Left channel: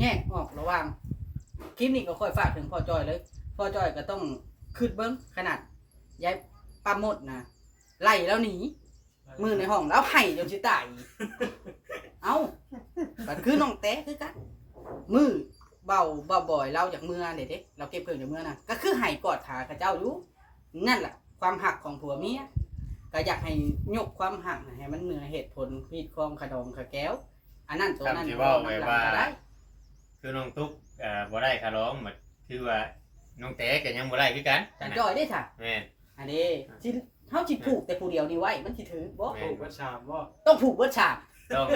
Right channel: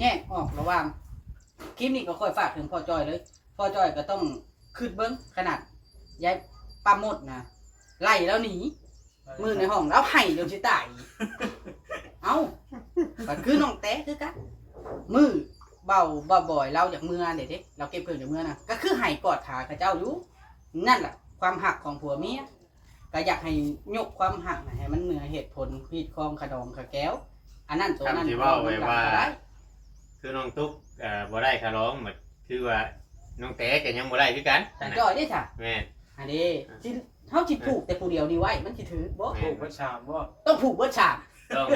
แยกออกระหว่างคลิปนี้ก็ค่อยฝากถึงพ่อจ้อยเลยพ่อจ้อยก็ต้องขึ้นเบิ้งขนาดยายปลาหมดนะไล่แล้วหนีมือในห้องแล้วไห้เดี๋ยวสิตายเอ้าก็คือน้องแต้คือกันมือเบาบ่อยเราจากเมื่อเด็ดเราเก็บเพิ่งจากเมื่อนะก็คือไห้กอดขาข้าเจ้าอยู่นั่นแหละความหักของผัวเมียก็อยากให้ยกความหักให้มันเหนือเหตุผลพีดคลองขดองขะแก้วอันนั้นตัวนั้นว่าไว้ว่าคือน้องตุ๊กบ่ได้คาร้องหมดคือว่าน้องแต้ก็ยังบ่ได้คือกันแต่จ่อยได้ค่ะแม่นอันนี้ที่เขาจิผูกแต่ผู้เดียวนี่ไว้มันสิถือบ่ผูกเบิดชามบ่ต้องผูกเบิดฉากต้อง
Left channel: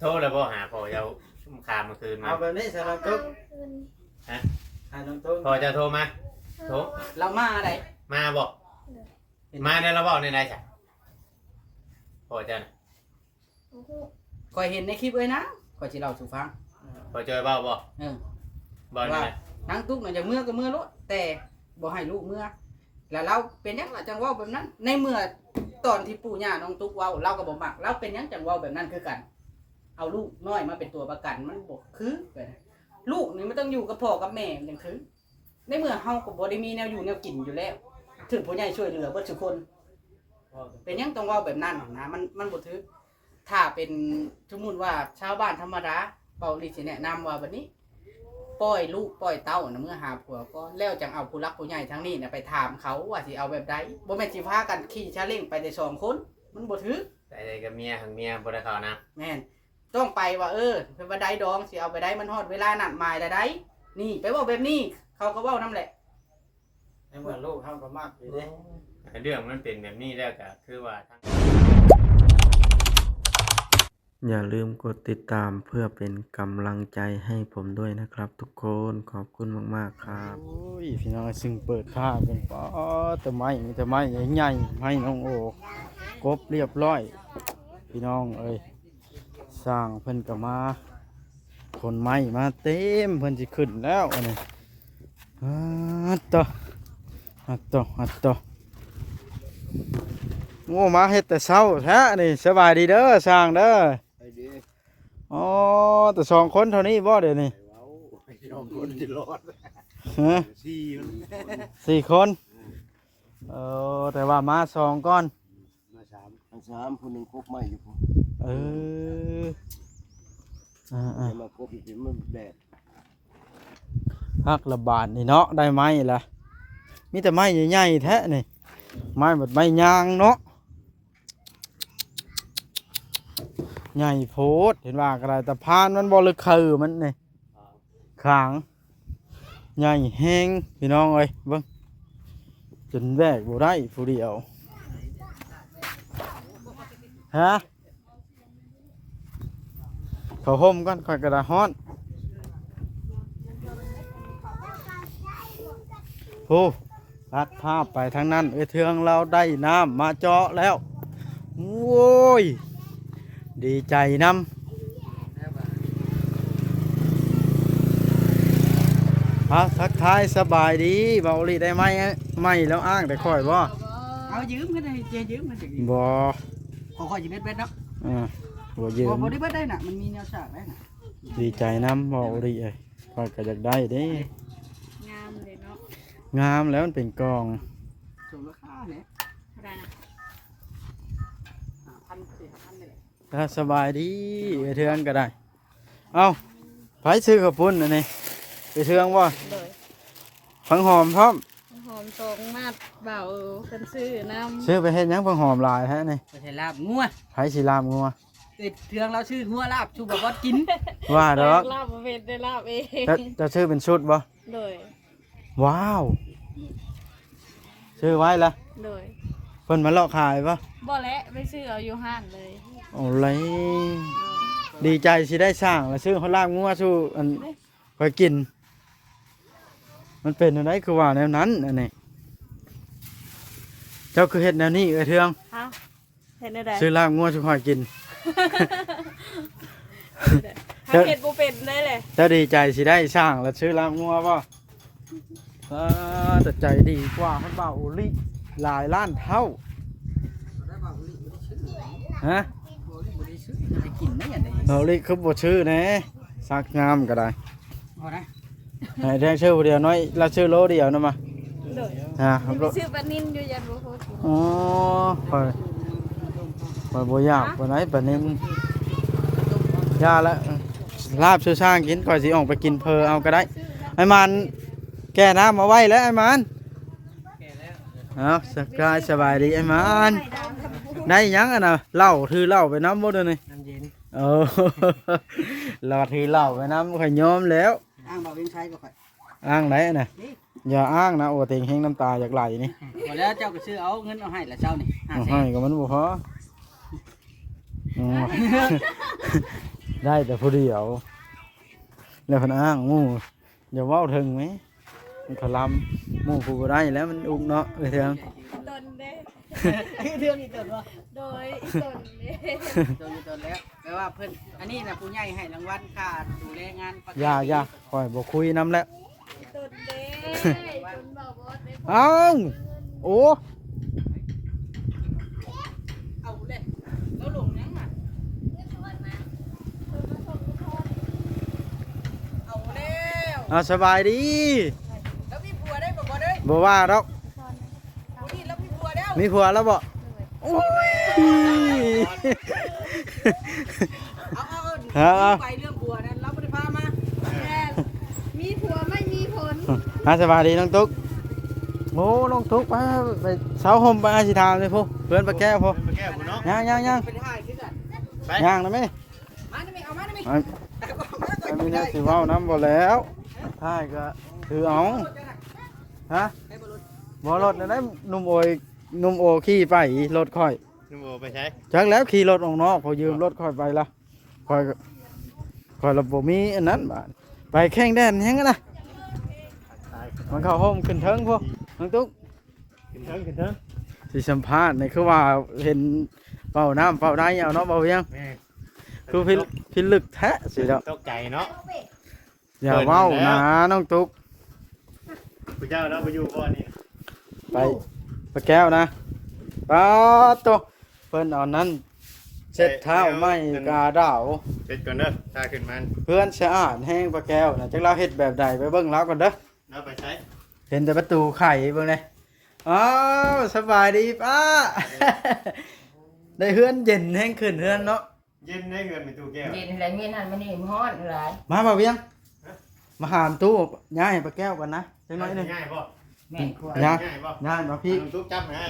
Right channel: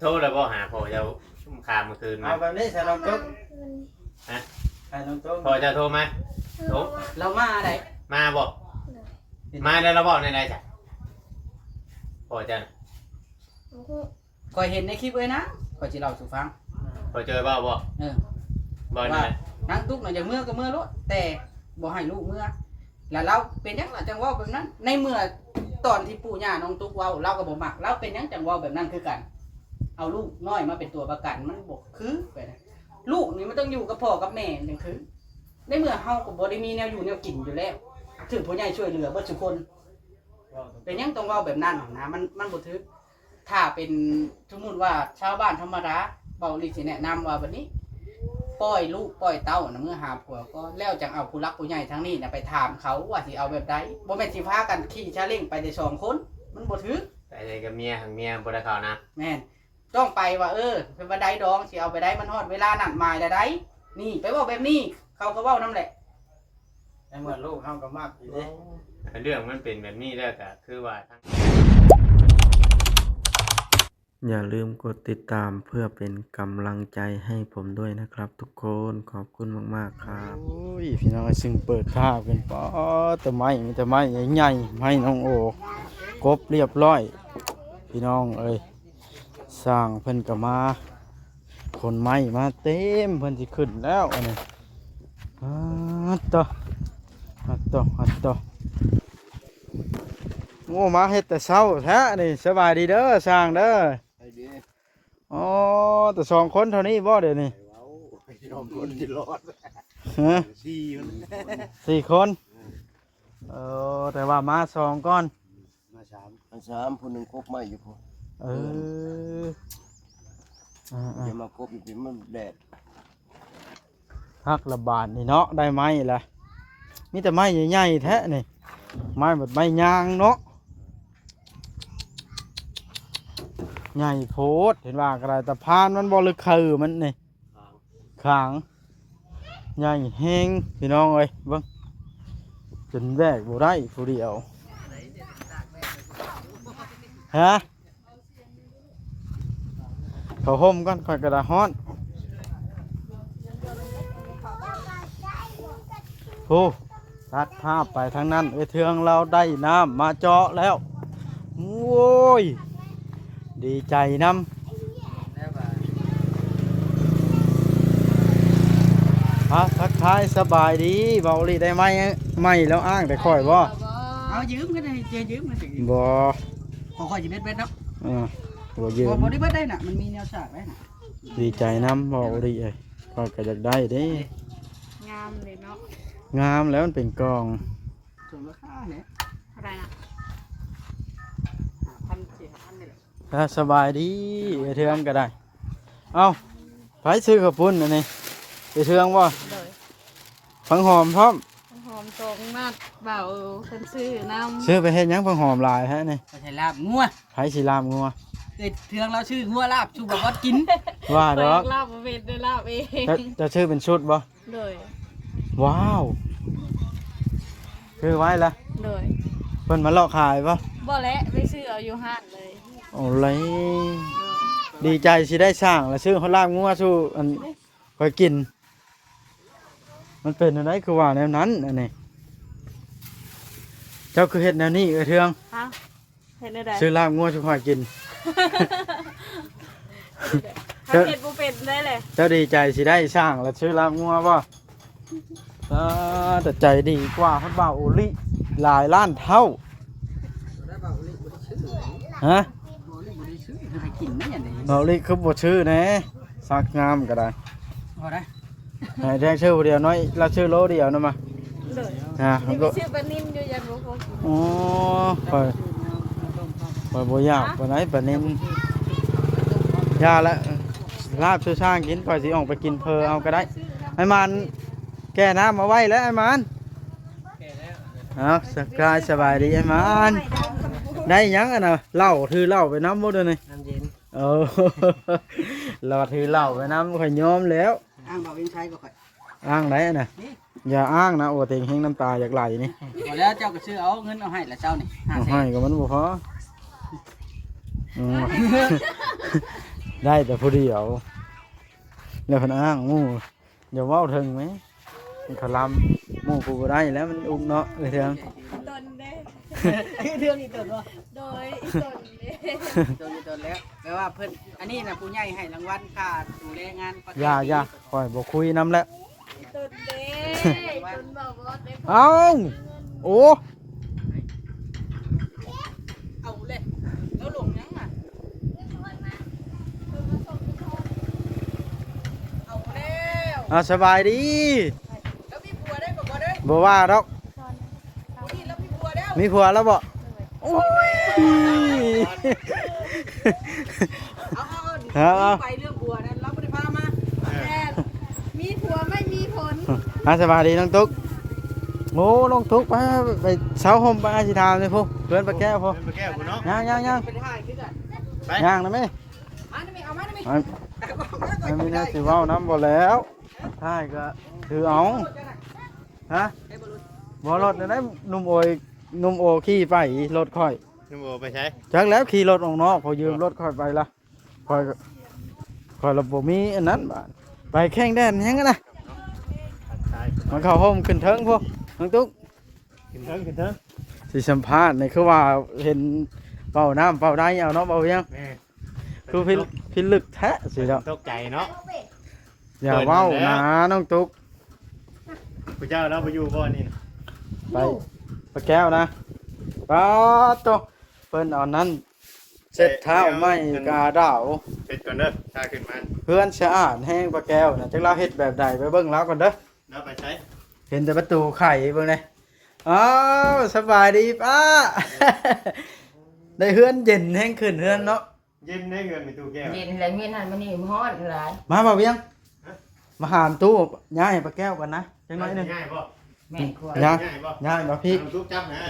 โทรแล้วบ่หาพ่อเจ้าชุ่มคามเมื่อคืนมาเอาแบบนี้ซะน้องตุ๊กฮะน้องตุ๊กพ่อจะโทรมาโทรเรามาได้มาบ่มาแล้วเราเว้าในไหนจ้ะพ่อจะคอยเห็นในคลิปเลยนะคอยสิเล่าสู่ฟังพอเจอเบ้าบ่บ่นี่นะนางตุ๊กน่ะอย่างเมื่อก็เมื่อรถแต่บ่ให้ลูกเมื่อแล้วเราเป็นหยังล่ะจังเว้าแบบนั้นในเมื่อตอนที่ปู่ย่าน้องตุ๊กเว้าเราก็บ่มักเราเป็นหยังจังเว้าแบบนั้นคือกันเอาลูกน้อยมาเป็นตัวประกันมันบ่คือไปนะลูกนี่มันต้องอยู่กับพ่อกับแม่จังคือในเมื่อเฮาก็บ่ได้มีแนวอยู่แนวกินอยู่แล้วถึงผู้ใหญ่ช่วยเหลือเบิดทุกคนเป็นหยังต้องเว้าแบบนั้นนะมันบ่ถือถ้าเป็นสมมุติว่าชาวบ้านธรรมดาเบานี่สิแนะนำว่าแบบนี้ปล่อยลูกปล่อยเต้านะเมื่อหาผัวก็แล้วจังเอาผู้รักผู้ใหญ่ทั้งนี้นะไปถามเขาว่าสิเอาแบบใดบ่แม่นสิพากันขี่ชาเล้งไปได้2คนมันบ่ถือไปเลยกับเมียทั้งเมียบ่ได้เข้านะแม่นต้องไปว่าเป็นว่าใดดองสิเอาไปได้มันฮอดเวลานัดหมายได้นี่ไปเว้าแบบนี้เขาก็เว้านำแหละแต่เมื่อลูกเฮาก็มักอยู่เด้เรื่องมันเป็นแบบนี้แล้วก็คือว่าอย่าลืมกดติดตามเพื่อเป็นกำลังใจให้ผมด้วยนะครับทุกคนขอบคุณมากๆครับโอ้ยพี่น้องซึ่งเปิดท่าเป็นป้อต้นไม้มีต้นไม้ใหญ่ๆให้น้องโอกบเรียบร้อยพี่น้องสร้างเพิ่นก็มาคนไม้มาเต็มเพิ่นสิขึ้นแล้วอันนี้อัดต่อโอ้มาเฮ็ดแต่เช้าแท้นี่สบายดีเด้อสร้างเด้ออ๋อแต่2 คนเท่านี้บ่เดี๋ยวนี้2 คนสิรอดฮะ4 คนแต่ว่ามา2ก่อนมา3คนนึงครบไม้อยู่พอมาครบอีกมันแดดพักระบาดนี่เนาะได้ไม้ล่ะมีแต่ไม้ใหญ่ๆแท้นี่ไม้แบบไม้ยางเนาะใหญ่โพดเห็นว่ากระไรตะพานมันบ่ลึกคือมันนี่ขางใหญ่แห้งพี่น้องเอ้ยเบิ่งจนแบกบ่ได้ผู้เดียวฮะเขาห่มกันค่อยกระดาฮ้อนโอ้ตัดภาพไปทางนั้นเทืองเราได้น้ำมาเจาะแล้วโอ้ยดีใจน้ำทักทายสบายดีเบาลีได้ไหมแล้วอ้างแต่ค่อยบ่เอายืมกันได้ยืมกันสิบ่ค่อยๆสิเบ็ดเนาะบ่ยืมบ่ได้เบ็ดได้น่ะมันมีแนวฉากได้น่ะดีใจน้ำเบาลีค่อยก็อยากได้เด้งามเลยเนาะงามแล้วมันเป็นกองสมราคาเนี่ยอะไรนะ5,000 นี่แหละถ้าสบายดีเทืองก็ได้เอ้าไปซื้อข้าวปุ้นอันนี้ไปเทืองว่าผังหอมพร้อมหอมตรงมากเบาคนซื้อน้ำซื้อไปเฮ็ดยังผังหอมลายฮะนี่ใส่ลาบงัวไผสิลาบงัวติดเทืองแล้วชื่องัวลาบชูบอกว่ากินว่าดอกลาบเป็นได้ลาบเองจะชื่อเป็นชุดบ่เลยว้าวซื้อไว้ละเลยเพิ่นมาเลาะขายป่ะบ่แล้วไปซื้อเอาอยู่ห้างเลยโอ้ยดีใจสิได้ช่างแล้วซื้อเขาลาบงัวสู้อันค่อยกินมันเป็นอะไรคือว่าแนวนั้นอันนี้เจ้าคือเฮ็ดแนวนี้เทืองเฮ็ดแนวใดซื้อลาบงัวสู้ค่อยกินเฮ็ดบ่เป็นได้เลยเจ้าดีใจสิได้ช่างแล้วซื้อลาบงัวป่ะแต่ใจดีกว่าให้บ่าวโอลิหลายล้านเท่าฮะบ่าวโอลิคือบ่ชื่อนะสักงามก็ได้ เอาได้ ให้แดงชื่อผู้เดียวน้อยเราชื่อโลเดียวนะมา เลย มันก็ ชื่อปลานินอยู่ยันบ่พอกิน อ๋อคอยบ่ยากปานไหนปานนี้ยาละลาบชื่อช่างกินก่อนสิออกไปกินเพอเอาก็ได้ไอ้มันแก่น้ำมาไว้แล้วไอ้มันเอาสกายสบายดีไอ้มันได้ยังอ่ะนะเหล้าถือเหล้าไปน้ำหมดเลย น้ำเย็น เออ เราถือเหล้าไปน้ำข่อยยอมแล้ว อ้างเบาเวียงชัยก็ค่อย อ้างไหนน่ะอย่าอ้างนะโอ้เต็งแห้งน้ำตาอยากไหลนี่ พอแล้วเจ้าก็ซื้อเอาเงินเอาให้ละเจ้านี่ เอาให้ก็มันบ่พออืม ได้แต่ผู้เดียวแล้วเพิ่นอ้างหมู่เดี๋ยวเว้าถึงไหมมันขลำหมู่กูบ่ได้แล้วมันอุกเนาะเอ้ยเถียง ตนเด้ เรื่องนี้ตนว่า โดยตนเด้ โดนอยู่ตนแล้วแปลว่าเพิ่นอันนี้น่ะผู้ใหญ่ให้รางวัลค่าดูแลงานประจำ อย่าคอยบ่คุยนำแล้ว ตนเด้ตนบอกว่าได้ เอ้าโอ้ เอาเลยแล้วลงยังอ่ะเอาแล้ว เอาสบายดี แล้วมีผัวได้บ่ได้ บ่ว่าดอก นี่แล้วมีผัวแล้ว มีผัวแล้วบ่โอ้ย เอา เอา ไปเรื่องผัวนั้นเราบ่ได้พามา มีผัวไม่มีผล สบายดีน้องตุ๊กโอ้น้องตุ๊กไปเช้าห่มไปอาชิทามเลยพวกเพื่อนปลาแก้วพวก เป็นแก้วกูเนาะ ย่าง เป็นท่าคือกัน ย่างนะแม่ มาได้มั้ยเอามาได้มั้ย อันนี้นะสิเว้าน้ำบ่แล้วท้ายก็ถือเอาฮะบ่รถได้หนุ่มโอขี่ไปรถค่อย นุ่มโอไปใช้ จักแล้วขี่รถออกนอกพอยืมรถค่อยไปละค่อยระบบมีอันนั้นบาดไปแข่งแดนยังกันนะมันเข้าห้องขึ้นเทิงพวกน้องตุ๊ก กินเถิง สิสัมภาษณ์นี่คือว่าเห็นเป่าน้ำเป่าได้เอาเนาะเป่าเพียง แม่ คือพิลึกแท้สิแล้ว ตกใจเนาะ อย่าเว้านะน้องตุ๊ก พระเจ้าเราไปอยู่บ่นี่ ไปปลาแก้วนะป้าตัวเพิ่นเอานั้นเช็ดเท้าไม่กาดาว เฮ็ดก่อนเด้อตาขึ้นมัน เพื่อนสะอาดแห้งปลาแก้วนะจักเราเฮ็ดแบบใดไปเบิ่งแล้วก่อนเด้อ แล้วไปใช้ เห็นแต่ประตูไข่เบิ่งเลยอ้าวสบายดีป้า ได้เฮือนเย็นแห้งขึ้นเฮือนเนาะ ยิ้มได้เงินมีตู้แก้ว เย็นอะไรเงี้ยนั่นมันนี่มันฮ้อนหลาย มาบ่าวเวียงมาหามตู้ย้ายปลาแก้วกันนะจังน้อยหนึง ง่ายบ่ แม่ครัว ย้าย ง่ายบ่ ย้ายมาพี่ ทุกจับนะ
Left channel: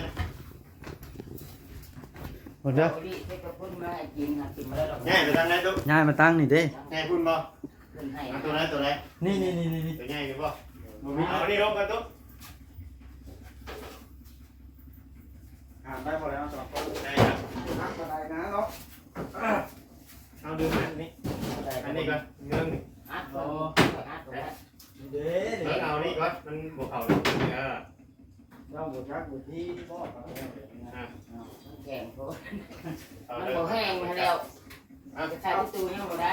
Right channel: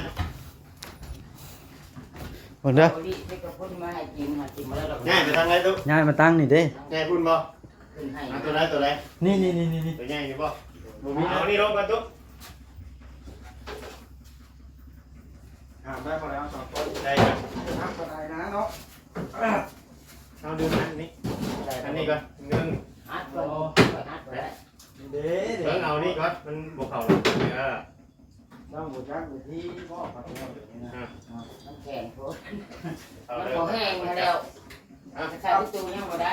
เบิ่งเด้อ โอลิไปกับคนมาให้กินหากินมาแล้วดอก ง่ายไปทางไหนลูก ย้ายมาตั้งนี่เด้ ง่ายคุณบ่ ขึ้นให้ เอาตัวไหนตัวไหน นี่ ตัวง่ายอยู่บ่บ่มีเอานี่ลงกันตุ๊ หามได้พอแล้ว2คน ได้ครับ ครับบ่ได้นะเนาะ เอาดึงอันนี้อันนี้ก่อน1 อัดไว้อัดไว้แล้ว เด้ แล้วเอานี่ก่อนมันบ่เข้าหรอกเออ เราบ่จักบ่ที่บ่ปลาแก้วนะ น้ำแข็งโพด เอา น้ำ เลย โพแห้งมาแล้วจะใส่ที่ตู้นี่มาได้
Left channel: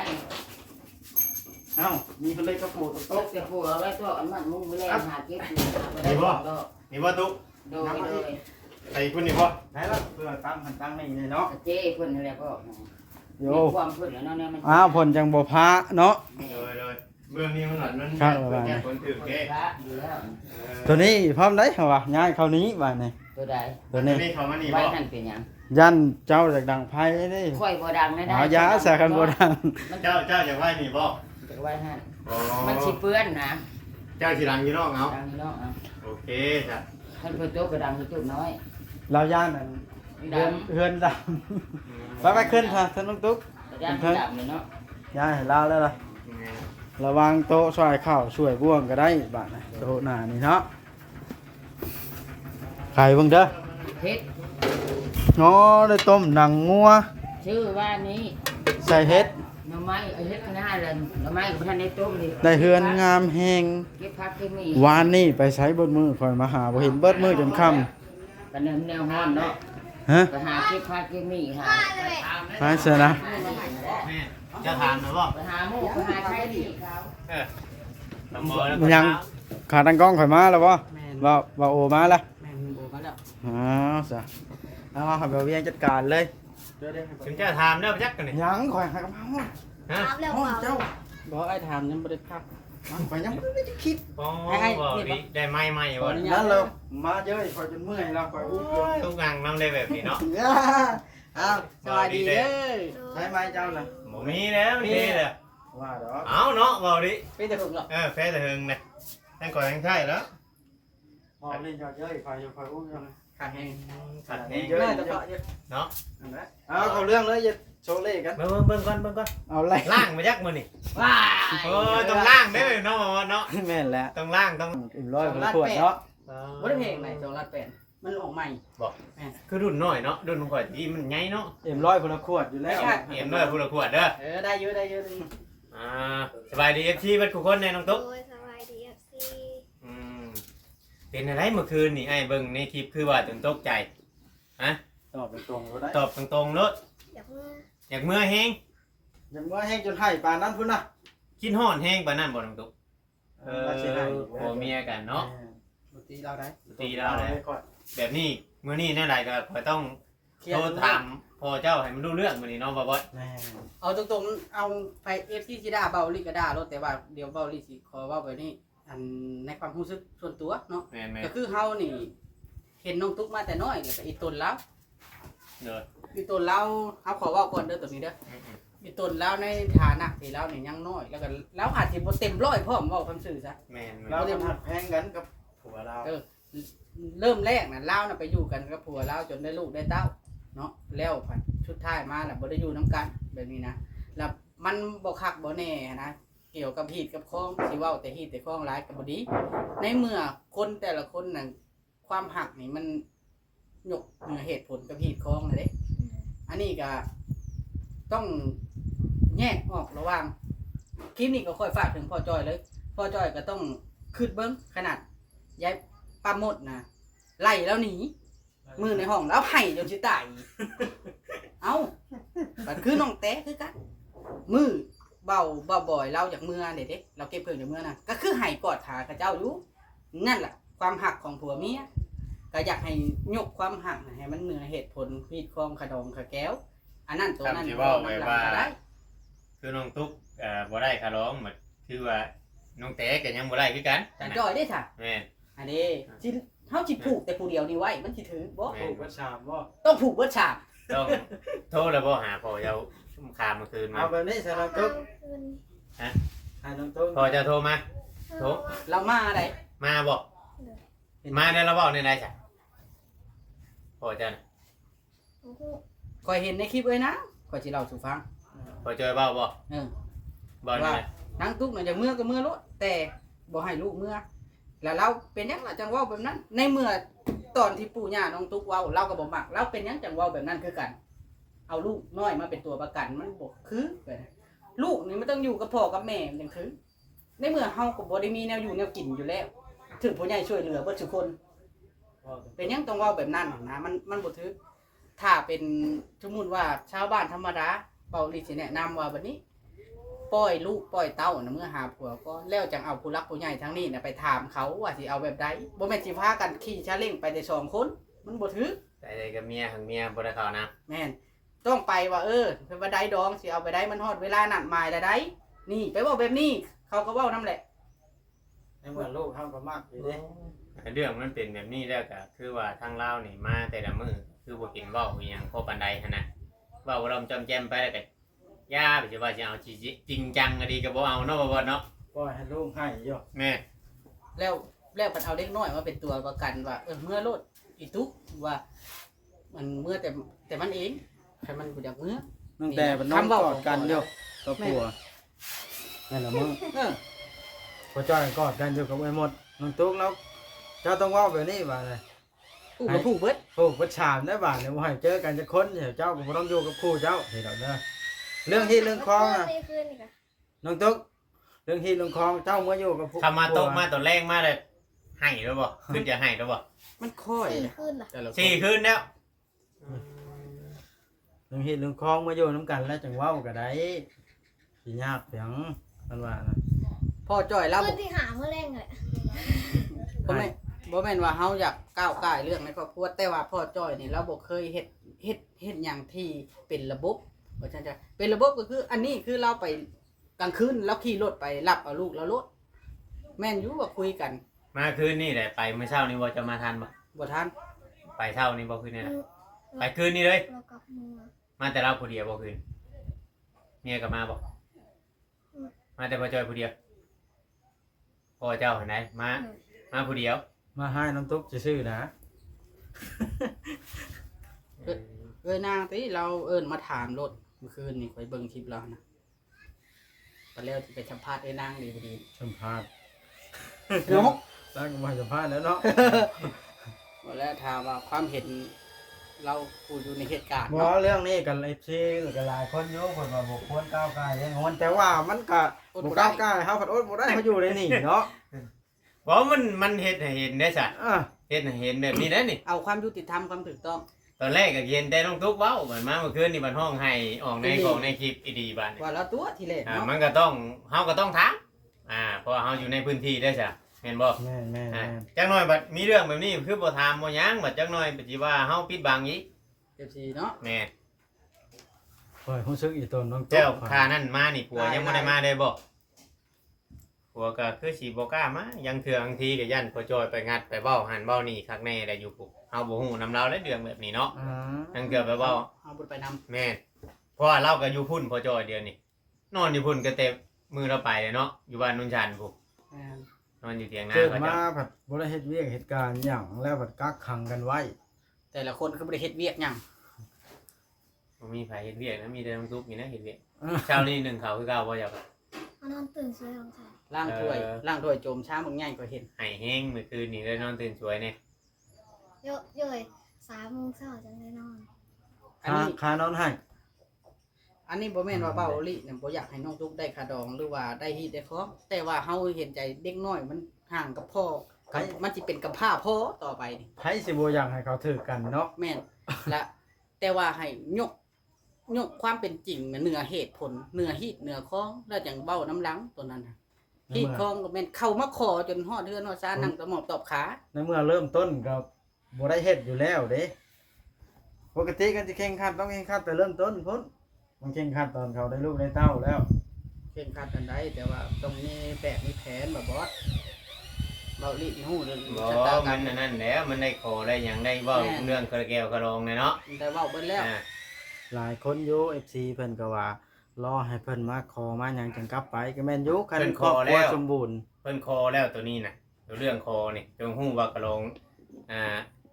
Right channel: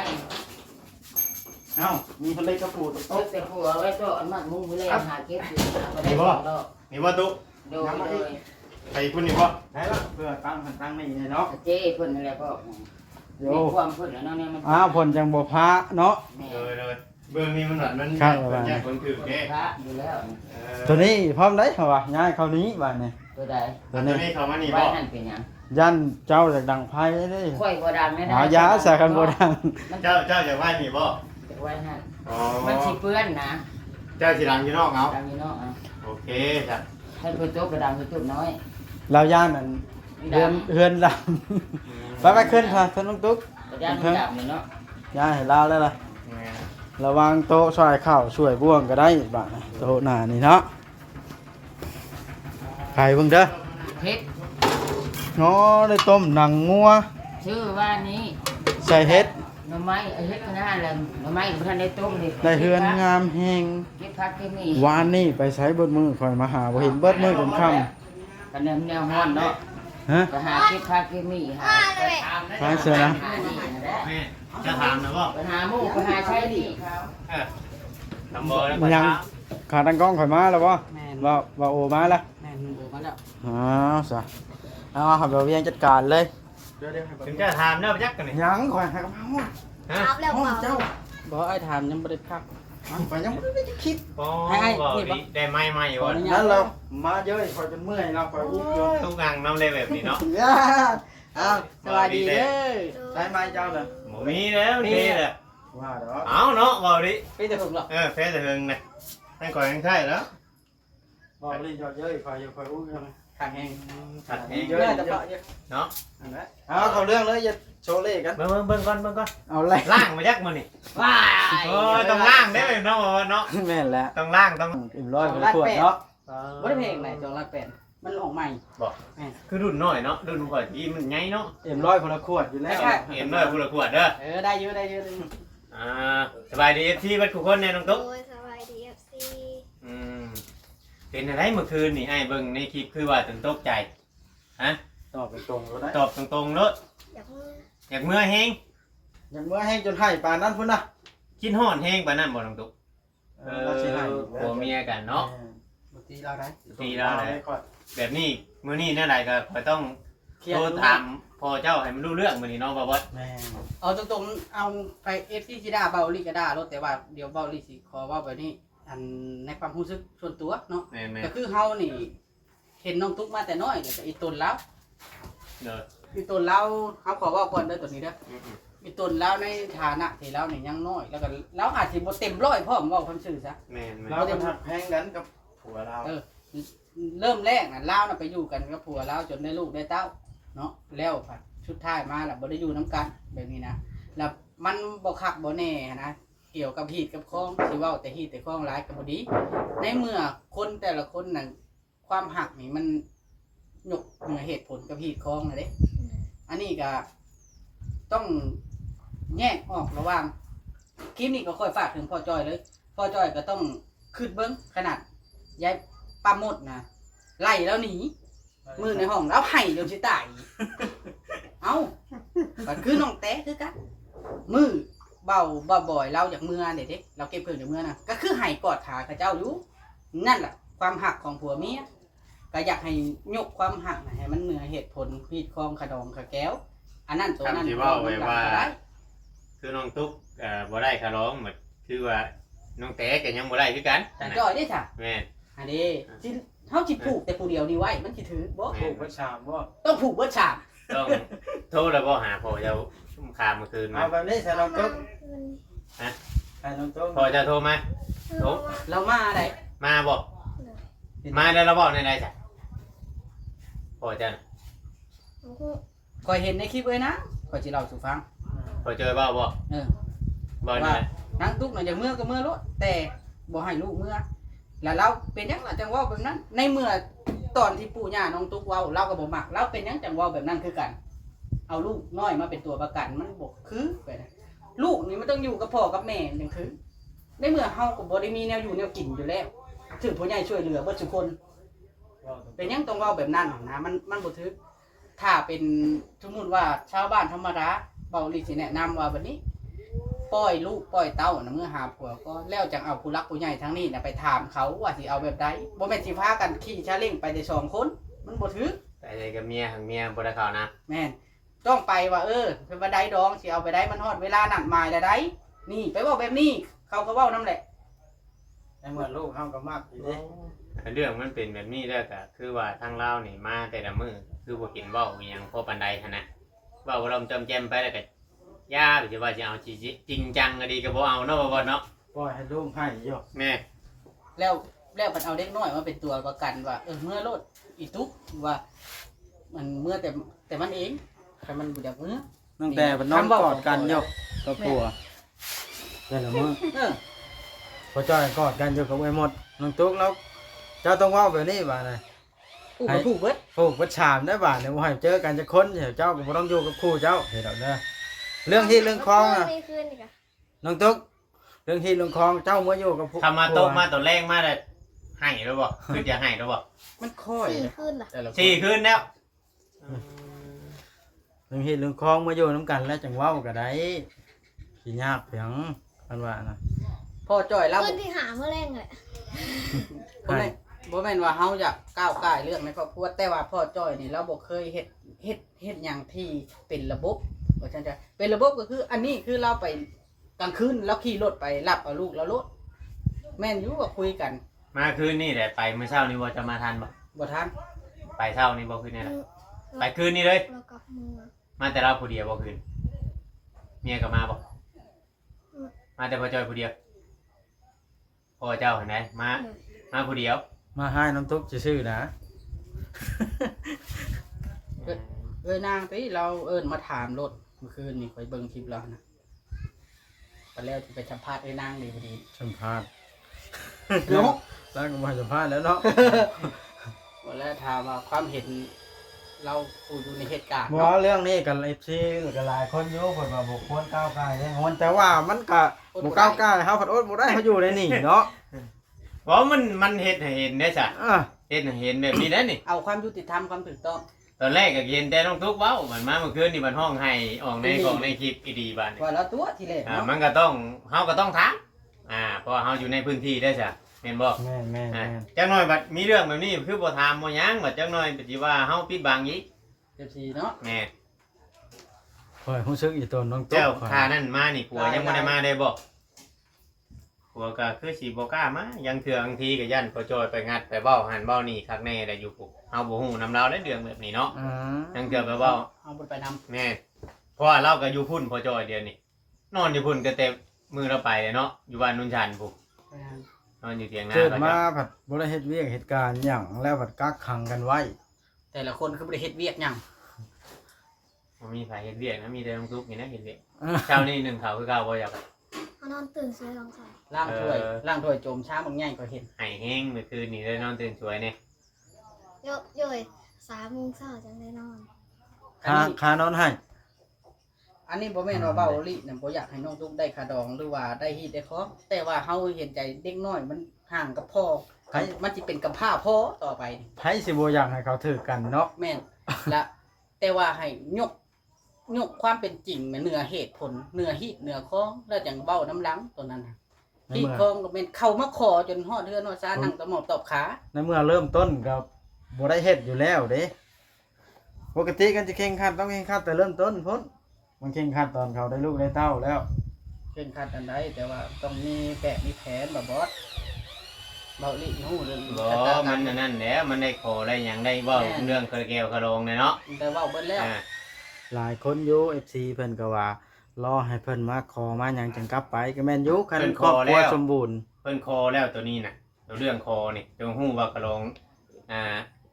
เอ้ามีเพิ่นเลยกระปูด ต โต๊ะ กแต่หัวไว้ก็อันมันมุ้งมือแรงหาเก็บอยู่มาได้ดอก นี่บ่ตุ๊ โดย ใส่คุณนี่บ่ ไหนล่ะเพื่อตั้งมันตั้งนี่เลยเนาะ เจ้เพิ่นนี่แหละก็ โย มีความเพิ่นแล้วเนาะเนี่ยมัน อ้าวผลจังบ่พระเนาะ เลยเบื้องนี้มันหลัดมัน ครับประมาณ แก้คนถือแก้ พระอยู่แล้ว ตัวนี้พร้อมเลยเหรอวะย้ายเข้านี้บ้านนี่ ตัวใด ตัว นี้ นี้ เขามานี่ ไว้ บ่ นั่นเป็นหยัง ยันเจ้าจากดังไพ่เด้ ค่อยบ่ดังเลยนะ หายาใส่กันบ่ดัง มัน เจ้าจะไหว้นี่บ่ ไว้นั่น อ๋อ มันสิเปื้อนนะ เจ้าสิดังอยู่นอกเอา ดังนี่เนาะ โอเคจ้ะ ให้เพิ่นโตกระดังที่จุดน้อย เราย่านนั่นเฮือนดำไปขึ้นค่ะท่านลุงตุ๊ก กระดังมันดับเลยเนาะ ย้ายให้เราแล้วล่ะระวังโต๊ะซอยข้าวช่วยบ่วงก็ได้บ้านนะโต๊ะหน้านี่เนาะไข่เบิ่งเด้อ เพชร อ๋อได้ต้มหนังงัว ชื่อว่านี้ ใส่เฮ็ด หน่อไม้ไอ้เฮ็ดข้างหน้าเลยหน่อไม้กับท่านได้ต้มเลย ได้เฮือนงามแฮง เก็บผักเก็บมี วานนี่ไปใช้เบิดมือข่อยมาหาบ่เห็นเบิดมือจนค่ำ กันแนวฮ้อนเนาะ ฮะ ไปหาเก็บผักเก็บมีหา ใช่เสือนะ หานี่นั่นแหละ แม่จะถามนะบ่ ไปหาหมูไปหาใช้ดีเขา ทำบ่แล้ว มันยังขาตั้งกล้องข่อยมาแล้วบ่ แม่น ว่าโอมาแล้ว แม่นโบมาแล้ว อ๋อซะเอาครับเดี๋ยวเวียงจัดการเลย ถึงจะถามเด้อจักกันนี่ ยังข่อยให้กับเฮา ฮะ ครับแล้ว ห้อง เปล่า เจ้า บ่ไอ้ถามยังบ่ได้พัก ไปยังบ่ได้จะคิด โอ้ ให้ บ่ นี่บ่ ดีได้ไม้ใหม่ ขอ ว่ะ อนุญา นั้ ต นเรามาเยอะคอยจนเมื่อยเราคอยอุ้มเลย ทุกงานน้ำได้แบบนี้เนาะ อ้าว สวัสดีเด้อ ได้ไหมเจ้าน่ะ บ่มีแล้วนี่แหละ ว่าดอก เอาเนาะบ่ดิ พี่จะถูกหรอ แพ้แต่เฮิงนะนั่นก่อนยังใช่แล้ว บอกนี่เจ้าเยอะคอยอุ้มเลย ขาแห้ง ตัดเอง เมื่อจะเปาะเยอะ เนาะ อันนั้น เอาเข้าเรื่องเลยอย่าโชว์เล่กัน เบิ่งก่อน เอาเลย ล่างมายักมื้อนี่ ว้าย โอ้ต้องล่างได้เลยเนาะว่าเนาะ แม่นแล้ว ต้องล่างต้อง อิ่มร้อยคนละขวดเนาะ บ่ได้เพลงไหนจอละแปดมันออกใหม่ คือรุ่นน้อยเนาะรุ่นก่อนที่มันใหญ่เนาะ อิ่มร้อยคนละขวดอยู่แล้ว เอ็มเด้อผู้ละขวดเด้อ ได้เยอะได้เยอะ สบายดี FC เบัดทุกคนแน่น้องตุ๊ก โอ้ยสบายดี FC อืมเป็นอะไรเมื่อคืนนี่ไอ้เบิ่งในคลิปคือว่าตื่นตกใจ ตอบตรงๆก็ได้ ตอบตรงๆเนาะ อยากเมื่อ อยากเมื่อแฮง ยังว่าให้จนให้ปานนั้นพุ่นนะ กินฮ้อนแฮงปานนั้นบ่น้องตุ๊ก เราสิให้ ผัวเมียกันเนาะ บางทีเราได้ ตีแล้วเลย ไม่ค่อย แบบนี้มื้อนี้แน่ใดก็ต้อง เครีย โท ด รถามพ่อเจ้าให้มันรู้เรื่องมื้อนี้เนาะบ่บ่ แม่ เอาตรงๆเอาไปเอฟซีซิดาเบาลิกระดารถแต่ว่าเดี๋ยวเบาลิสิขอเว้าแบบนี้อันในความรู้สึกส่วนตัวเนาะ แม่น ก็คือเฮานี่เห็นน้องตุ๊กมาแต่น้อยแล้วก็อีตนแล้ว ๆเด้อ อีตนแล้วเฮาขอเว้าก่อนเด้อตัวนี้เด้อ อืม อีตนแล้วในฐานะที่เรานี่ยังน้อยแล้วก็เราอาจสิบ่เต็มร้อยพร้อมเว้าคำซื่อซะ ๆแม่น เราจะหักแพงกันกับผัวเรา เริ่มแรกน่ะลาวน่ะไปอยู่กันกับผัวลาวจนได้ลูกได้เต้าเนาะแล้วผัดชุดท้ายมาแล้วบ่ได้อยู่นํกันแบบนี้นะแล้วมันบ่คักบ่แน่นะเกี่ยวกับฮีตกับคองสิเว้าแต่ฮีตแต่คองหลายก็บ่ดีในเมื่อคนแต่ละคนน่ะความหักนี่มันยกเหนือเหตุผลกับฮีตคองน่ะเด้อันนี้ก็ต้องแยกออกระหว่างคลิปนี้ก็ค่อยฝากถึงพ่อจ้อยเลยพ่อจ้อยก็ต้องคิดเบิ่งขนาดยายป้าหมดนะไล่แล้วหนีมือในห้องแล้วไห้จนสิตาย เอ้าก็คือน้องแต้คือกันมือเบาบ่อยเราอยากเมื่อเด็ดเราเก็บเพิ่งจากเมื่อนะก็คือไห้กอดขาข้าเจ้าอยู่นั่นแหละความหักของผัวเมียก็อยากให้ยกความหักน่ะให้มันเหนือเหตุผลพีดคองขะดองขะแก้วอันนั้นตัวนั้นได้ คือน้องตุ๊กบ่ได้คาร้องเหมือนคือว่าน้องแต๋ก็ยังบ่ได้คือกัน แต่จ้อยได้ค่ะ แม่น อันนี้ที่เขาจิผูกแต่ผู้เดียวนี่ไว้มันสิถือบ่ ผูกประชามว่า ต้องผูกเบิดฉาก ต้องโทรแล้วบ่หาพ่อเจ้าชุ่มคามเมื่อคืนมา เอาแบบนี้ใส่น้องตุ๊ก คืน ให้น้องตุ๊ก พ่อจะโทรมา เออ เรามาอะไร มาบ่มาแล้วเราบอกในไหนจ้ะพ่อจะน่ะ โอ้โห คอยเห็นในคลิปเลยนะคอยสิเล่าสู่ฟัง พ่อเจอเบ้าบ่ เออ บ่นี่นะ นางตุ๊กน่ะอย่างเมื่อก็เมื่อรถแต่บ่ให้ลูกเมื่อแล้วเราเป็นหยังล่ะจังเว้าแบบนั้น ในเมื่อตอนที่ปู่ย่าน้องตุ๊กเว้าเราก็บ่มักเราเป็นหยังจังเว้าแบบนั้นคือกัน เอาลูกน้อยมาเป็นตัวประกันมันบ่คือไปนะลูกนี่มันต้องอยู่กับพ่อกับแม่มันจังคือ ในเมื่อเฮาก็บ่ได้มีแนวอยู่แนวกินอยู่แล้วถึงผู้ใหญ่ช่วยเหลือเบิดทุกคน เป็นหยังต้องเว้าแบบนั้นนะมันบ่ถือถ้าเป็นสมมุติว่าชาวบ้านธรรมดาเบาลิสิแนะนำว่าแบบนี้ ปล่อยลูกปล่อยเต้านะเมื่อหาผัวก็แล้วจังเอาผู้รักผู้ใหญ่ทั้งนี้นะไปถามเขาว่าสิเอาแบบใดบ่แม่นสิพากันขี่ชาเล้งไปได้2คนมันบ่ถือ แต่ในกับเมียทางเมียบ่ได้เข้านะ แม่นต้องไปว่าเป็นว่าใดดองสิเอาไปได้มันฮอดเวลานัดหมายได้นี่ไปเว้าแบบนี้เขาก็เว้านำแหละ ในเมื่อลูกเขาก็มากอยู่ดิ เรื่องมันเป็นแบบนี้แล้วก็คือว่าทางเรานี่มาแต่ละมื้อคือบ่เห็นเว้าอีหยังพอปานใดหั่นน่ะเว้าลมจอมแจมไปแล้วก็ย่าไปสิว่าสิเอาจริงจังก็ดีก็บ่เอาเนาะบ่เนาะ ปล่อยให้ลูกให้อยู่ แม่ แล้วมันเอาเด็กน้อยมาเป็นตัวประกันว่าเมื่อโลดอีตุ๊กว่ามันเมื่อแต่มันเองแต่มันบ่อยากเมื่อ ตั้งแต่มันนอนกอดกันอยู่กับผัวนั่นแหละมึง เออ พอจอยกอดกันอยู่กับไอ้หมดน้องตุ๊กแล้วเจ้าต้องเว่าแบบนี้บ่านะ ผู้ก็ผู้เบิด ผูกประชามได้บ่าเนี่ยว่าให้เจอกันจะค้นเดี๋ยวเจ้าก็บ่ต้องอยู่กับครูเจ้าเห็นดอกเด้อเรื่องที่เรื่องคลองน่ะ ไม่คืนอีกอะ น้องตุ๊กเรื่องที่เรื่องคลองเจ้ามาอยู่กับผู้ คำมาตกมาตอนแรกมาได้ให้แล้วบ่คือจะให้แล้วบ่ มันค่อย 4 คืนล่ะ แต่ละคน สี่คืนแล้ว เรื่องที่เรื่องคลองมาอยู่น้ำกันแล้วจังเว้าก็ได้สิยากเพียงอันว่านะ พ่อจ้อยเรา คื บ่ นที่หาเมื่อแรงเลย บ่แม่นว่าเฮาอยากก้าวก่ายเรื่องในครอบครัวแต่ว่าพ่อจ้อยนี่เราบ่เคยเฮ็ดหยังที่เป็นระบบว่าซั่นจ้ะเป็นระบบก็คือ อันนี้คือเราไปกลางคืนแล้วขี่รถไปรับเอาลูกแล้วรถ แม่นอยู่ว่าคุยกัน มาคืนนี่แหละไปมื้อเช้านี่บ่จะมาทันบ่ บ่ทัน ไปเช้านี่บ่คืนนี่แหละไปคืนนี่เลย เรากลับเมือง มาแต่เราผู้เดียวบ่คืนเมียก็มาบ่มาแต่พ่อจอยผู้เดียวพ่อเจ้าเห็นไหมมาผู้เดียว มาให้น้ำตุ๊กซื่อๆนะ นางติเราเอิ้นมาถามรถเมื่อคืนนี่ข่อยเบิ่งคลิปแล้วนะตอนแรกสิไปสัมภาษณ์ไอ้นางดีพอดี สัมภาษณ์ เนาะ แล้วก็มาสัมภาษณ์แล้วเนาะ วันแรกถามว่าความเห็นเราผู้อยู่ในเหตุการณ์ บ่ว่าเรื่องนี้กัน FC ก็หลายคนอยู่เพิ่นว่าบ่ควรก้าวไกลแน่นอนแต่ว่ามันก็บ่ก้าวไกลเฮาผัดอดบ่ได้เฮาอยู่ในนี่เนาะ บ่มันเฮ็ดให้เห็นได้ซะ อ่ะ เฮ็ดให้เห็นแบบนี้ได้นี่ เอาความยุติธรรมความถูกต้อง ตอนแรกก็เห็นแต่น้องทุกเว้ามันมาเมื่อคืนนี่มันห้องให้ออกในของในคลิปอีดีบัดนี่ ว่าแล้วตัวที่แรกเนาะ มันก็ต้องเฮาก็ต้องถามเพราะว่าเฮาอยู่ในพื้นที่ได้ซะแม่นบ่ แม่น จักหน่อยบัดมีเรื่องแบบนี้คือบ่ถามบ่หยังบัดจักหน่อยสิว่าเฮาปิดบังอีก FC เนาะ แม่ เฮ้ยรู้สึกอีตนน้องตุ๊ก เจ้าค่านั่นมานี่ผัวยังบ่ได้มาได้บ่ผัวก็คือสิบ่กล้ามายังเถื่อบางทีก็ยันพอจอยไปงัดไปเว้าหันเว้านี่คักแน่ได้อยู่ปุ๊เฮาบ่ฮู้นำเราได้เรื่องแบบนี้เนาะ อืม ยังเถื่อไปเว้า เอาบ่ไปนำ แม่เพราะว่าเราก็อยู่พุ่นพอจอยเดียวนี่นอนอยู่พุ่นก็เต็มมือเราไปเนาะอยู่บ้านนุ่นชันปุ๊นอนอยู่เถียงนา เกิด เขา มา จะ ผัดบ่ได้เฮ็ดเวียกเหตุการณ์หยังแล้วผัดกักขังกันไว้ แต่ละคนคือบ่ได้เฮ็ดเวียกหยัง บ่มีไผเฮ็ดเวียกนะมีแต่น้องทุกนี่นะเฮ็ดเวียกเช้านี้1เขาคือเก่าบ่อยาก เขานอนตื่นเสียสองสาย ล้างถ้วยล้างถ้วยโจมช้าบางแง่ก็เห็น ให้แห้งเมื่อคืนนี่เลยนอนตื่นสวยเนี่ย โยย3 โมงเช้าจังได้นอน ค่านอนให้ อันนี้บ่แม่นว่าเว้าลิเนี่ยบ่อยากให้น้องทุกได้คาดองหรือว่าได้ฮีดได้คอแต่ว่าเฮาเห็นใจเด็กน้อยมันห่างกับพ่อมันสิเป็นกับพ่าพ่อต่อไปนี่ ไผสิบ่อยากให้เขาถือกันเนาะ แม่นและแต่ว่าให้ยกความเป็นจริงน่ะเหนือเหตุผลเหนือฮีดเหนือคองแล้วจังเว้าน้ำหลังตัวนั้นน่ะฮีดคองก็แม่นเข้ามาขอจนฮอดเฮือนฮอดซานนั่งตะหมอบตอบขา ในเมื่อเริ่มต้นก็บ่ได้เฮ็ดอยู่แล้วเด้ปกติกันจะแข่งขันต้องแข่งขันแต่เริ่มต้นพุ่นมันแข่งขันตอนเขาได้ลูกได้เต้าแล้ว เช่นคัดอันใดแต่ว่าต้องมีแปะมีแผนบ่บอสเว้าลิฮู้เรื่อง บ่มันนั่นแหละมันได้ขอได้หยังได้เว้าเรื่องกระแก้วกระโลงเนี่ยเนาะ ได้เว้าเบิดแล้ว หลายคนอยู่ FC เพิ่นก็ว่ารอให้เพิ่นมาขอมาหยังจังกลับไปก็แม่นอยู่คันครอบครัวสมบูรณ์ เพิ่นคอแล้วตัวนี้น่ะตัวเรื่องคอนี่ตัวฮู้ว่ากระโลง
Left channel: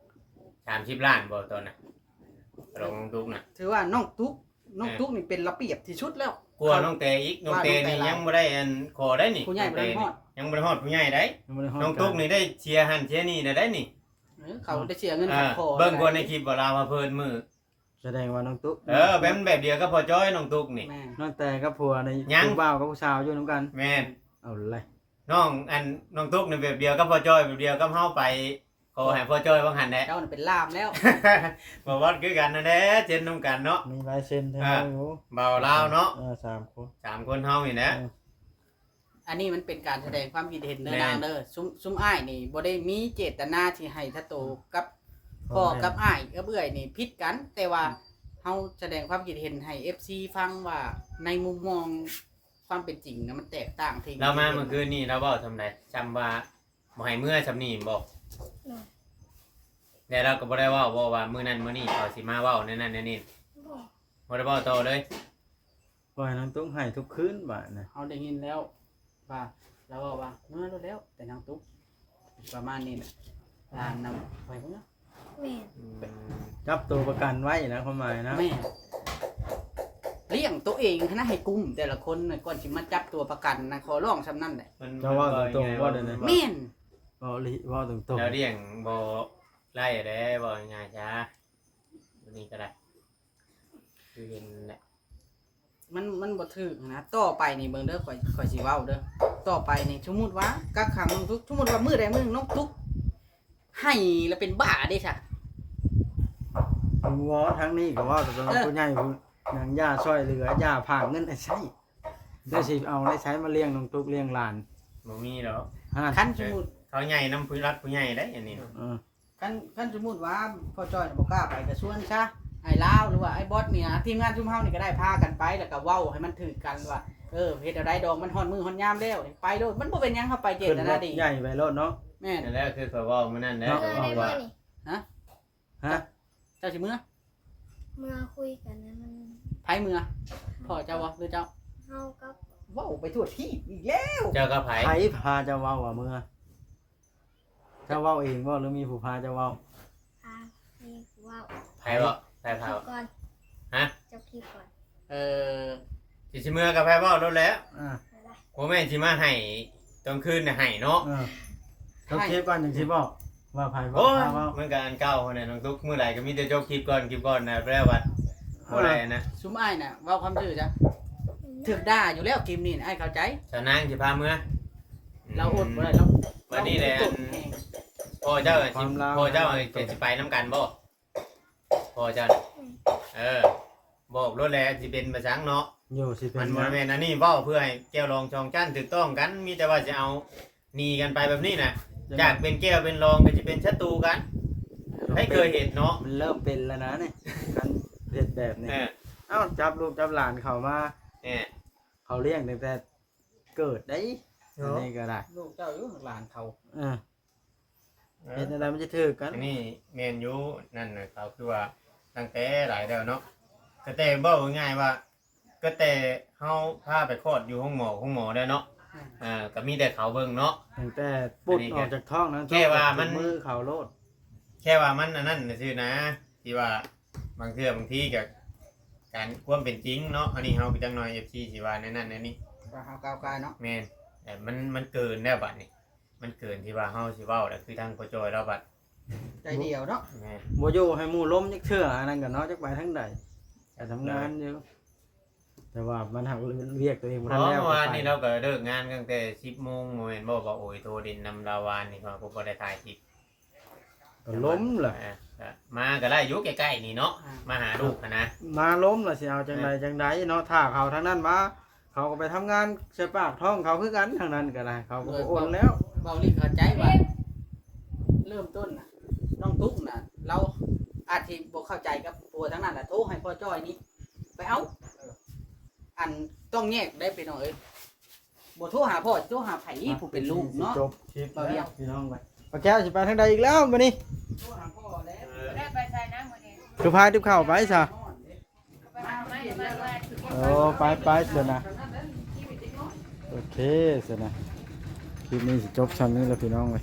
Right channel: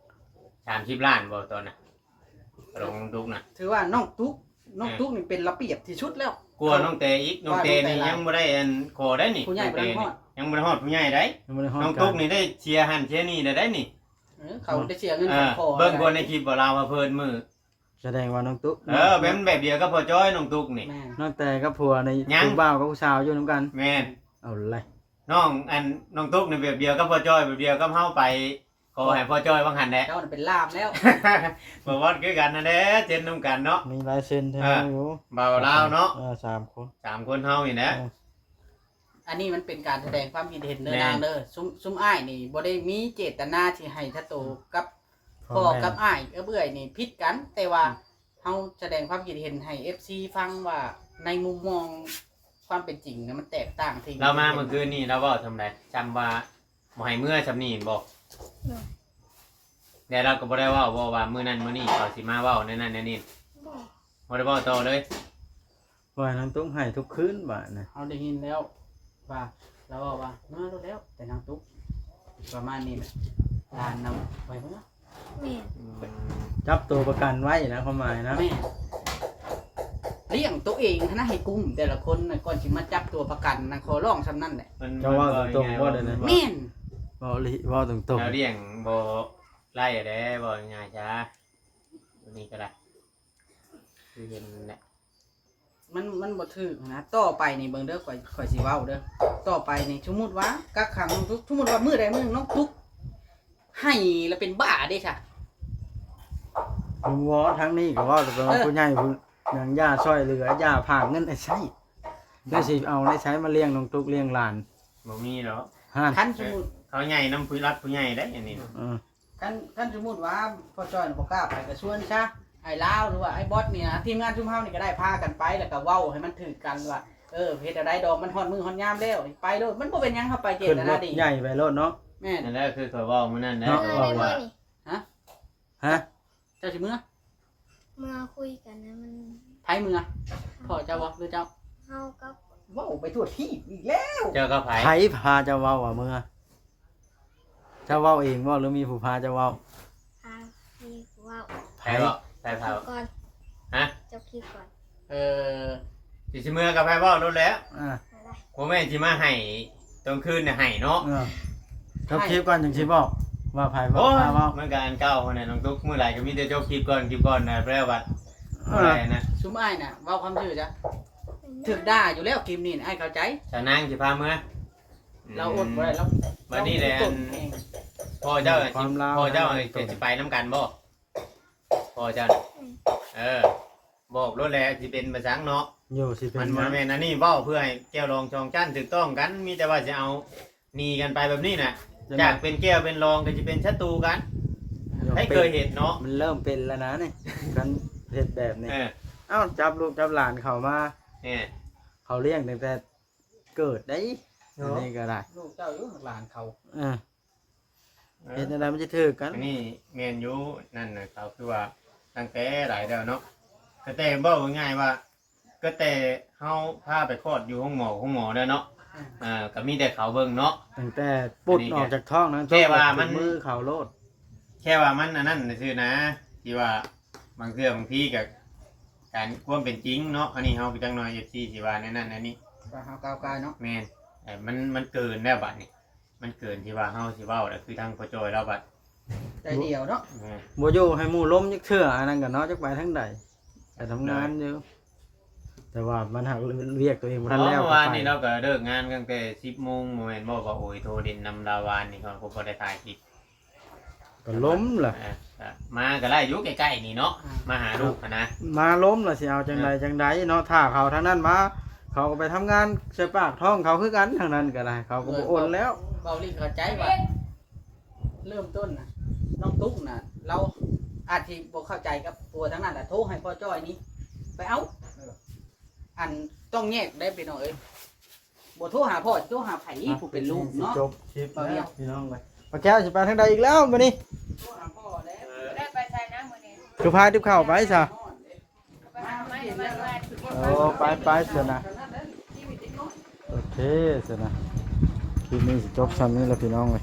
30 ล้านบ่ตอนน่ะกระโลงดุกน่ะ ถือว่าน้องตุ๊กนี่เป็นระเบียบที่สุดแล้ว กลัวน้องเตอีกน้องเตนี่ยังบ่ได้อันคอได้นี่ ผู้ใหญ่บ่ได้ฮอด ยังบ่ได้ฮอดผู้ใหญ่ได้ ยังบ่ได้ฮอด น้องตุ๊กนี่ได้เชียร์หันเชียร์นี่ได้นี่ เขาได้เสียเงินของคอ เบิ่งบ่ในคลิปบ่ลาวว่าเพิ่นมือ แสดงว่าน้องตุ๊ก แบบเดียวกับพ่อจ้อยน้องตุ๊กนี่ แม่ น้องแต่กับผัวใน ยัง ผู้บ่าวกับผู้สาวอยู่นํกัน แม่น เอาเลย น้องตุ๊กนี่แบบเดียวกับพ่อจ้อยแบบเดียวกับเฮาไปขอให้พ่อจ้อยว่าหันแหละ เจ้าน่ะเป็นลามแล้ว บ่วัดคือกันนั่นแหละเช่นนํกันเนาะ มีลายเซ็นแท้อยู่ เบาลาวเนาะ 3คน 3คนเฮานี่แหละ อันนี้มันเป็นการแสดงความคิดเห็นเด้อ แม่น นางเด้อซุ้มอ้ายนี่บ่ได้มีเจตนาที่ให้ทัตโตกับพ่อกับอ้ายเอื้อยนี่ผิดกัน แต่ว่าเฮาแสดงความคิดเห็นให้ FC ฟังว่าในมุมมองความเป็นจริงเนี่ยมันแตกต่างที่ เรามาเมื่อคืนนี่เราเว้าทำไดจำว่าบ่ให้เมื่อซำนี้บ่แต่เราก็บ่ได้เว้าว่ามื้อนั้นมื้อนี้เขาสิมาเว้านั่นนั่นนี่ บอก บ่ได้เว้าต่อเลย ว่าน้องตุ๊กให้ทุกคืนบาดน่ะ เฮาได้ยินแล้วว่าเราบอกว่าเมื่อรู้แล้วแต่นางตุ๊กประมาณนี้แหละลานนำไว้เพิ่นนะ แม่ จับตัวประกันไว้นะความหมายนะ แม่เลี้ยงตัวเองนะให้กุ้มแต่ละคนน่ะก่อนสิมาจับตัวประกันนะขอร้องซำนั้นแหละ ก็ว่าตรงๆว่าเดี๋ยวนี้ แม่น เว้าลิเว้าตรง เราเลี้ยงบ่ไล่ได้บ่ง่ายจ้าวันนี้ก็ได้คือเห็นแหละ มันบ่ถึกนะต่อไปนี่เบิ่งเด้อข่อยสิเว้าเด้อต่อไปนี่สมมุติว่ากักขังน้องทุกสมมุติว่ามื้อใดมื้อหนึ่งน้องทุกให้แล้วเป็นบ้าเด้ซะ ๆผมว่าทั้งนี้ก็ว่าแต่ว่าผู้ใหญ่ผู้หยังย่าช่วยเหลือย่าผากเงินให้ใช้เดี๋ยวสิเอาได้ใช้มาเลี้ยงน้องตุ๊กเลี้ยงหลาน บ่มีแล้ว ฮะ คันสมมุติ เขาใหญ่น้ำผู้รักผู้ใหญ่ได้อันนี้ คันสมมุติว่าพ่อจ้อยน่ะบ่กล้าไปก็ชวนซะไอ้ลาวหรือว่าไอ้บอสเนี่ยทีมงานชุมเฮานี่ก็ได้พากันไปแล้วก็เว้าให้มันถึกกันว่า เฮ็ดอะไรดอกมันฮอดมือฮอดยามแล้วไปโลดมันบ่เป็นหยังเฮาไปเจ ขึ้น ต ร นา ถ ดี ใหญ่ไปรถเนาะ แม่น นั่นแหละคือเขาเว้ามื้อนั้นแหละ เนาะ เมื่อ ว่า ได้เมื่อนี่ ฮะ เจ้าสิเมื่อ เมื่อคุยกันนะมัน ไผเมื่อพ่อเจ้าบ่หรือเจ้า เฮากับ เว้าไปทั่วที่อีกแล้ว เจ้าก็ไผ ไผพาเจ้าเว้าว่าเมื่อเจ้าเว้าเองบ่หรือมีผู้พาเจ้าเว้า พามีว่าว ไผบ่ไผ ค เผา ลิปก่อน ฮะ จบคลิปก่อน เออ สิเมื่อกับไผเว้าโดนแล้ว อ่า อะไร บ่แม่นสิมาให้ตอนคืนน่ะให้เนาะ จบคลิปก่อนจังสิบอกว่าไผ โอ้ พาย เว้า มันก็อันเก่าเนี่ยน้องตุ๊กมื้อใดก็มีแต่จบคลิปก่อนนะแปลว่าเมื่อไหร่นะ ซุมอ้ายน่ะเว้าคำชื่อจ้ะถึกด่าอยู่แล้วกิมนี่อ้ายเข้าใจ สนางสิพาเมื่อ เราอดบ่ได้เรา บัดนี้แหละ ตุ่นเอง พ่อเจ้าน่ะสิพ่อเจ้าน่ะสิไปนํกันบ่พ่อเจ้าน่ะบอกรถแล้วสิเป็นประสังเนาะ อยู่สิเป็ มัน นบ่แม่นอันนี้เว้าเพื่อให้แก้วรองช่องจันถูกต้องกัน มีแต่ว่าจะเอาหนีกันไปแบบนี้น่ะจากเป็นแก้วเป็นรองก็จะเป็นศัตรูกันให้เคยเห็นเนาะ มันเริ่มเป็นแล้วนะนี่การเฮ็ดแบบนี้ เออ เอ้าจับลูกจับหลานเขามา เนี่ย เขาเลี้ยงตั้งแต่เกิดได้อันนี้ก็ได้ ลูกเจ้าอยู่หลานเขา เฮ็ดอะไรมันจะถือกัน อันนี้เมนยูนั่นน่ะเขาคือว่าตั้งแต่หลายเดือนเนาะก็แต่เว้าง่ายๆว่า ก็แต่เฮาพาไปคลอดอยู่ห้องหมอได้เนาะก็มีแต่เขาเบิ่งเนาะ ตั้งแต่ปุดออกจากท้องนั้น แค่ว่ามัน มือเขาโลด แค่ว่ามันอันนั้นซื่อนะที่ว่าบางเทื่อบางทีก็การความเป็นจริงเนาะอันนี้เฮาไปจังหน่อย FC สิว่าแนนนั่นแนนนี่ ก็เฮาก้าวกายเนาะ แม่นแต่มันเกินแล้วบัดนี้มันเกินที่ว่าเฮาสิเว้าแล้วคือทางพ่อจอยเราบัด ใจเดียวเนาะ แม่น บ่อยู่ให้หมู่ล้มยักเทื่ออันนั้นก็เนาะจักไปทางใดแต่ทำงานอยู่แต่ว่ามันหักเรียกตัวเองบ่ เพ ทัน ราะ แล้ว เมื่อวานนี้เราก็เลิกงานตั้งแต่ 10:00 นบ่แม่นบ่ว่าโอ้ยโทรดินนำดาวานนี่เขาบ่ได้ถ่ายคลิป ก็ล้มล่ะ มาก็ได้อยู่ใกล้ๆนี่เนาะมาหาลูกหั้นนะ มาล้มล่ะสิเอาจังใดจังใดเนาะถ้าเขาทางนั้นมา เขาก็ไปทำงานใส่ปากท้องเขาคือกันทางนั้นก็ได้เขาก็บ่โอนแล้ว เบาลิเข้าใจว่าเริ่มต้นน่ะน้องตุ๊กน่ะ เราอาจสิบ่เข้าใจกับตัวทั้งนั้นแหละโทรให้พ่อจ้อยนี่ไปเอาอันต้องแยกได้ไปหน่อยบ่โทรหาพ่อโทรหาไผผู้เป็นลูกเนาะ จบคลิปแล้วพี่น้องไปปลาแก้วสิไปทางใดอีกแล้วมื้อนี้ โทรหาพ่อแล้ว ได้ไปใส่น้ำมือนี้ คือพาทิพย์เข้าไปซะ ไปหาไม้มาแหวน โอ้ไปเสินะโอเคเสินะคลิปนี้สิจบซ้ำนี้แล้วพี่น้องเว้ย